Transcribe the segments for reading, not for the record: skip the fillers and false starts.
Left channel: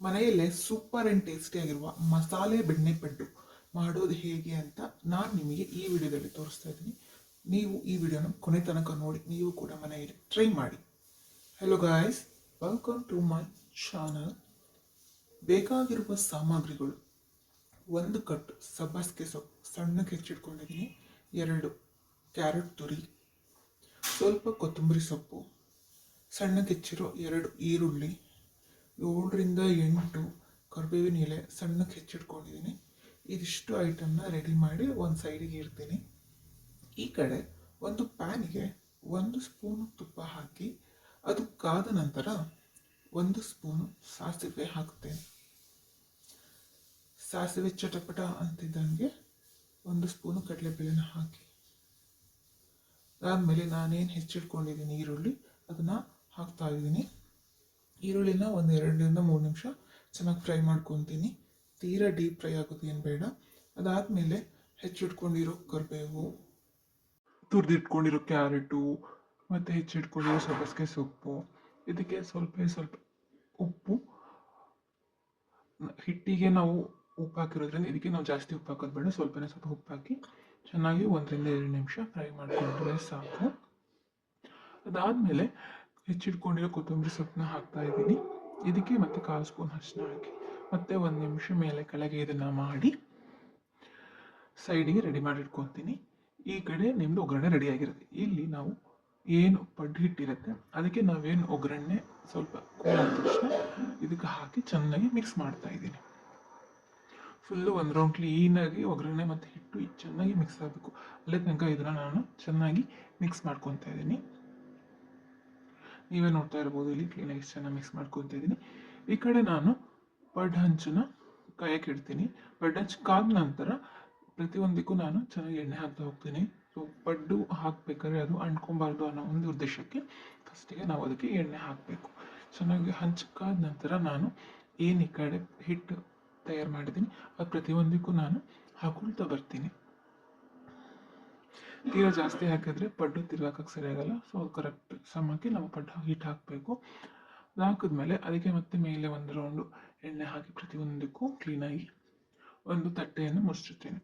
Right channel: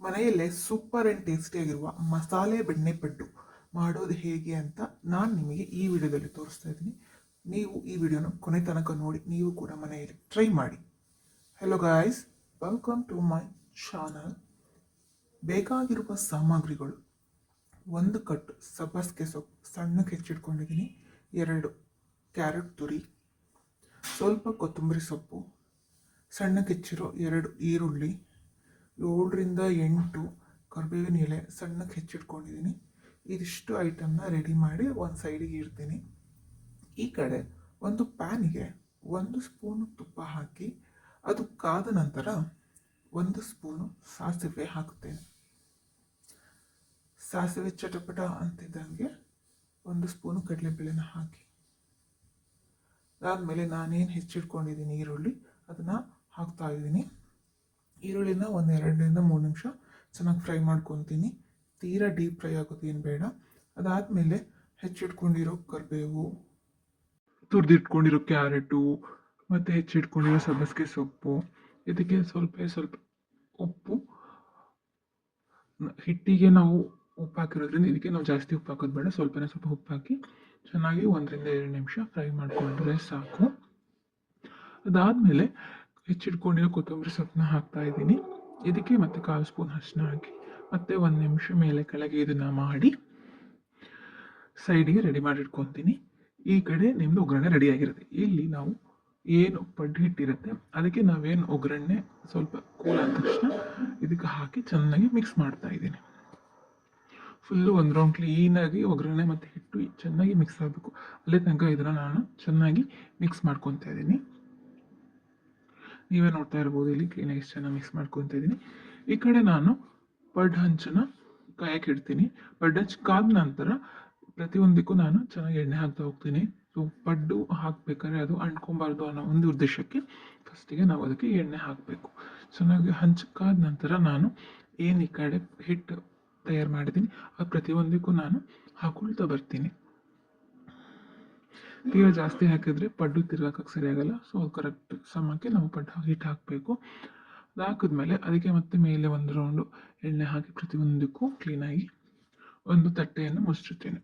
ಮನೆಯಲ್ಲೇ super and ಟೇಸ್ಟಿಯಾಗಿರುವ ಮಸಾಲೆ ಬೆಣ್ಣೆ ಪಡ್ಡು ಮಾಡೋದು ಹೇಗೆ ಅಂತ ನಾನು ನಿಮಗೆ ಈ ವಿಡಿಯೋದಲ್ಲಿ ತೋರಿಸ್ತಾ ಇದ್ದೀನಿ. ನೀವು ಈ ವಿಡಿಯೋನ ಕೊನೆ ತನಕ ನೋಡಿ ನೀವು ಕೂಡ ಮನೆಯಲ್ಲಿ ಟ್ರೈ ಮಾಡಿ. Hello guys, welcome to my channel. ಬೇಕಾಗಿರುವ ಸಾಮಗ್ರಿಗಳು: ಒಂದು ಕಟ್ ಸಬ್ಬಸಿಗೆ ಸೊಪ್ಪು ಸಣ್ಣಕ್ಕೆ ಹೆಚ್ಚಿಟ್ಕೊಂಡಿದ್ದೀನಿ, 2 ಕ್ಯಾರೆಟ್ ತುರಿ, ಸ್ವಲ್ಪ ಕೊತ್ತಂಬರಿ ಸೊಪ್ಪು, ಸಣ್ಣಕ್ಕೆ ಹೆಚ್ಚಿರೋ 2 ಈರುಳ್ಳಿ, 7ರಿಂದ 8 ಕರಿಬೇವಿನ ಎಲೆ ಸಣ್ಣಕ್ಕೆ ಹೆಚ್ಚಿಟ್ಕೊಂಡಿದ್ದೀನಿ. ಇದಿಷ್ಟು ಐಟಮ್ನ ರೆಡಿ ಮಾಡಿ ಒಂದು ಸೈಡಿಗೆ ಇಡ್ತೀನಿ. ಈ ಕಡೆ ಒಂದು ಪ್ಯಾನಿಗೆ 1 ಸ್ಪೂನು ತುಪ್ಪ ಹಾಕಿ ಅದು ಕಾದ ನಂತರ 1 ಸ್ಪೂನು ಸಾಸಿವೆ ಹಾಕ್ತೇನೆ. ಸಾಸಿವೆ ಚಟಪಟ ಅಂತಿದ್ದಂಗೆ 1 ಸ್ಪೂನು ಕಡಲೆಬೇಳೆನ ಹಾಕಿ ಅದಾದಮೇಲೆ ನಾನೇನು ಹೆಚ್ಚಿಟ್ಕೊಂಡಿದ್ದೀನಿ ಈರುಳ್ಳಿ ಅದನ್ನು ಹಾಕ್ತಾ ಇದ್ದೀನಿ. ಈರುಳ್ಳಿನ 2ರಿಂದ 3 ನಿಮಿಷ ಚೆನ್ನಾಗಿ ಫ್ರೈ ಮಾಡ್ಕೊತೀನಿ. ತೀರಾ ಡೀಪ್ ಫ್ರೈ ಆಗೋದು ಏನು ಬೇಡ. ಅದಾದಮೇಲೆ ಹೆಚ್ಚಿಟ್ಕೊಂಡಿರೋ ಕರಿಬೇವು, ತುರಿದಿಟ್ಕೊಂಡಿರೋ ಕ್ಯಾರೆಟು ಮತ್ತು ಹೆಚ್ಚಿಟ್ಕೊಂಡಿರೋ ಸಬ್ಬಸಿಗೆ ಸೊಪ್ಪು, ಇದಕ್ಕೆ ಸ್ವಲ್ಪ ಉಪ್ಪು. ಹಿಟ್ಟಿಗೆ ನಾವು ಉಪ್ಪು ಹಾಕಿರೋದ್ರಿಂದ ಇದಕ್ಕೆ ನಾವು ಜಾಸ್ತಿ ಉಪ್ಪು ಹಾಕೋದು ಬೇಡ, ಸ್ವಲ್ಪ ಉಪ್ಪು ಹಾಕಿ ಚೆನ್ನಾಗಿ 1ರಿಂದ 2 ನಿಮಿಷ ಫ್ರೈ ಮಾಡಿಕೊಂಡ್ರೆ ಸಾಕು. ಅದಾದಮೇಲೆ ಹೆಚ್ಚಿಟ್ಕೊಂಡಿರೋ ಕೊತ್ತಂಬರಿ ಸೊಪ್ಪನ್ನ ಹಾಕ್ತಾ ಇದ್ದೀನಿ. ಇದಕ್ಕೆ ಮತ್ತೆ 1/4 ಸ್ಪೂನ್ ಅರಿಶಿನ ಹಾಕಿ ಮತ್ತೆ 1 ನಿಮಿಷ ಮೇಲೆ ಕೆಳಗೆ ಇದನ್ನು ಮಾಡಿ ಸೈಡಿಗೆ ರೆಡಿ ಮಾಡಿ ಇಟ್ಕೊತೀನಿ. ಈ ಕಡೆ ನಿಮ್ಮದು ಒಗ್ಗರಣೆ ರೆಡಿಯಾಗಿರುತ್ತೆ. ಇಲ್ಲಿ ನಾವು ಏನು ಪಡ್ಡು ಹಿಟ್ಟಿರುತ್ತೆ ಅದಕ್ಕೆ ನಾವೇನು ಒಗ್ಗರಣೆ ಸ್ವಲ್ಪ ಕೂಲ್ ಆದ ತಕ್ಷಣ ಇದಕ್ಕೆ ಹಾಕಿ ಚೆನ್ನಾಗಿ ಮಿಕ್ಸ್ ಮಾಡ್ತಾ ಇದ್ದೀನಿ. ಫುಲ್ಲು ಒಂದು ರೌಂಡ್ ಕ್ಲೀನಾಗಿ ಒಗ್ಗರಣೆ ಮತ್ತು ಹಿಟ್ಟು ಚೆನ್ನಾಗಿ ಮಿಕ್ಸ್ ಆಗಬೇಕು. ಅಲ್ಲೇ ತನಕ ಇದನ್ನು ನಾನು ಚೆನ್ನಾಗಿ ಮಿಕ್ಸ್ ಮಾಡ್ಕೊತಾ ಇದ್ದೀನಿ. ನೀವೇ ನೋಡ್ತಾ ಇರ್ಬೋದು, ಇಲ್ಲಿ ಕ್ಲೀನಾಗಿ ಚೆನ್ನಾಗಿ ಮಿಕ್ಸ್ ಮಾಡ್ಕೊತಾ ಇದ್ದೀನಿ. ಈ ಕಡೆ ನಾನು ಪಡ್ಡು ಹಂಚನ್ನು ಕಾಯಕ್ಕೆ ಇಡ್ತೀನಿ. ಪಡ್ಡು ಹಂಚು ಕಾದ ನಂತರ ಪ್ರತಿಯೊಂದಕ್ಕೂ ನಾನು ಚೆನ್ನಾಗಿ ಎಣ್ಣೆ ಹಾಕ್ತಾ ಹೋಗ್ತೀನಿ. ಸೊ ಪಡ್ಡು ಹಾಕಬೇಕಾದ್ರೆ ಅದು ಅಂಟ್ಕೊಬಾರ್ದು ಅನ್ನೋ ಒಂದು ಉದ್ದೇಶಕ್ಕೆ ಫಸ್ಟಿಗೆ ನಾವು ಅದಕ್ಕೆ ಎಣ್ಣೆ ಹಾಕಬೇಕು. ಚೆನ್ನಾಗಿ ಹಂಚು ಕಾದ ನಂತರ ನಾನು ಏನು ಈ ಕಡೆ ಹಿಟ್ಟು ತಯಾರು ಮಾಡಿದ್ದೀನಿ ಅದು ಪ್ರತಿಯೊಂದಕ್ಕೂ ನಾನು ಹಾಕೊಳ್ತಾ ಬರ್ತೀನಿ. ತೀರಾ ಜಾಸ್ತಿ ಹಾಕಿದ್ರೆ ಪಡ್ಡು ತಿರ್ಗಾಕಕ್ಕೆ ಸರಿಯಾಗಲ್ಲ. ಸೊ ಕರೆಕ್ಟ್ ಸಮಕ್ಕೆ ನಾವು ಹಿಟ್ಟು ಹಾಕಬೇಕು. ಅದು ಹಾಕಿದ್ಮೇಲೆ ಅದಕ್ಕೆ ಮತ್ತೆ ಮೇಲೆ 1 ರೌಂಡು ಎಣ್ಣೆ ಹಾಕಿ ಪ್ರತಿಯೊಂದಕ್ಕೂ ಕ್ಲೀನಾಗಿ ಒಂದು ತಟ್ಟೆಯನ್ನು ಮುಚ್ಚಿರ್ತೀನಿ.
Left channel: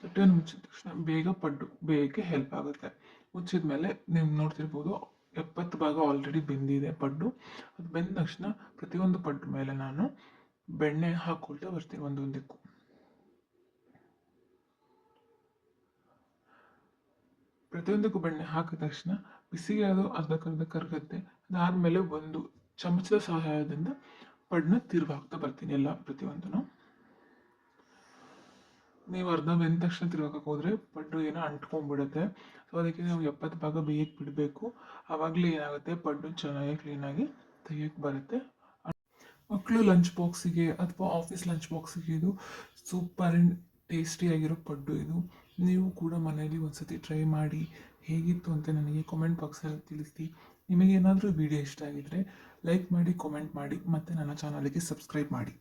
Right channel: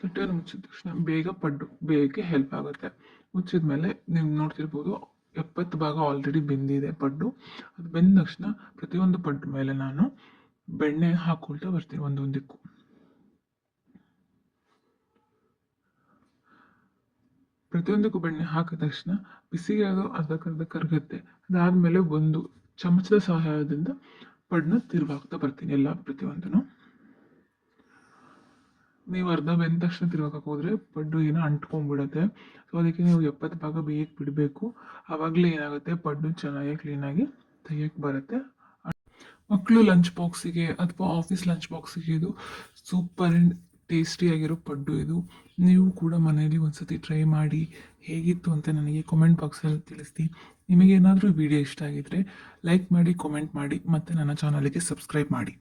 ತಟ್ಟೆಯನ್ನು ಮುಚ್ಚಿದ ತಕ್ಷಣ ಬೇಗ ಪಡ್ಡು ಬೇಯಕ್ಕೆ ಹೆಲ್ಪ್ ಆಗುತ್ತೆ. ಮುಚ್ಚಿದ ಮೇಲೆ ನೀವು ನೋಡ್ತಿರ್ಬೋದು 70 ಭಾಗ ಆಲ್ರೆಡಿ ಬೆಂದಿದೆ ಪಡ್ಡು. ಅದು ಬೆಂದ ತಕ್ಷಣ ಪ್ರತಿಯೊಂದು ಪಡ್ಡು ಮೇಲೆ ನಾನು ಬೆಣ್ಣೆ ಹಾಕೊಳ್ತಾ ಬರ್ತೀನಿ. ಒಂದೊಂದಕ್ಕೂ ಬೆಣ್ಣೆ ಹಾಕಿದ ತಕ್ಷಣ ಬಿಸಿಗೆ ಅದು ಅರ್ಧಕ್ಕರ್ಧ ಕರಗುತ್ತೆ. ಅದಾದಮೇಲೆ ಒಂದು ಚಮಚದ ಸಹಾಯದಿಂದ ಪಡ್ಡನ್ನ ತಿರುವಾಗ್ತಾ ಬರ್ತೀನಿ ಪ್ರತಿಯೊಂದನ್ನು. ನೀವು ಅರ್ಧ ಬೆಂದ ತಕ್ಷಣ ತಿರುವಾಕಕ್ಕೆ ಹೋದರೆ ಪಡ್ಡು ಏನೋ ಅಂಟ್ಕೊಂಡ್ಬಿಡುತ್ತೆ. ಸೊ ಅದಕ್ಕೆ ನೀವು 70 ಭಾಗ ಬೇಯಕ್ಕೆ ಬಿಡಬೇಕು. ಆವಾಗಲೇ ಏನಾಗುತ್ತೆ, ಪಡ್ಡು ಚೆನ್ನಾಗಿ ಕ್ಲೀನಾಗಿ ತೆಗಿಯಕ್ಕೆ ಬರುತ್ತೆ. ಮಕ್ಕಳು ಲಂಚ್ ಬಾಕ್ಸಿಗೆ ಅಥವಾ ಆಫೀಸ್ ಲಂಚ್ ಬಾಕ್ಸಿಗೆ ಇದು ಸೂಪರ್ ಆ್ಯಂಡ್ ಟೇಸ್ಟಿಯಾಗಿರೋ ಪಡ್ಡು ಇದು. ನೀವು ಕೂಡ ಮನೆಯಲ್ಲಿ ಒಂದ್ಸತಿ ಟ್ರೈ ಮಾಡಿ ಹೇಗಿತ್ತು ಅಂತ ನನಗೆ ಕಾಮೆಂಟ್ ಬಾಕ್ಸಲ್ಲಿ ತಿಳಿಸಿ. ನಿಮಗೇನಾದರೂ ವಿಡಿಯೋ ಇಷ್ಟ ಆಗಿದ್ದರೆ ಲೈಕ್ ಮಾಡಿ, ಕಾಮೆಂಟ್ ಮಾಡಿ ಮತ್ತು ನನ್ನ ಚಾನಲ್ಗೆ ಸಬ್ಸ್ಕ್ರೈಬ್ ಮಾಡಿ.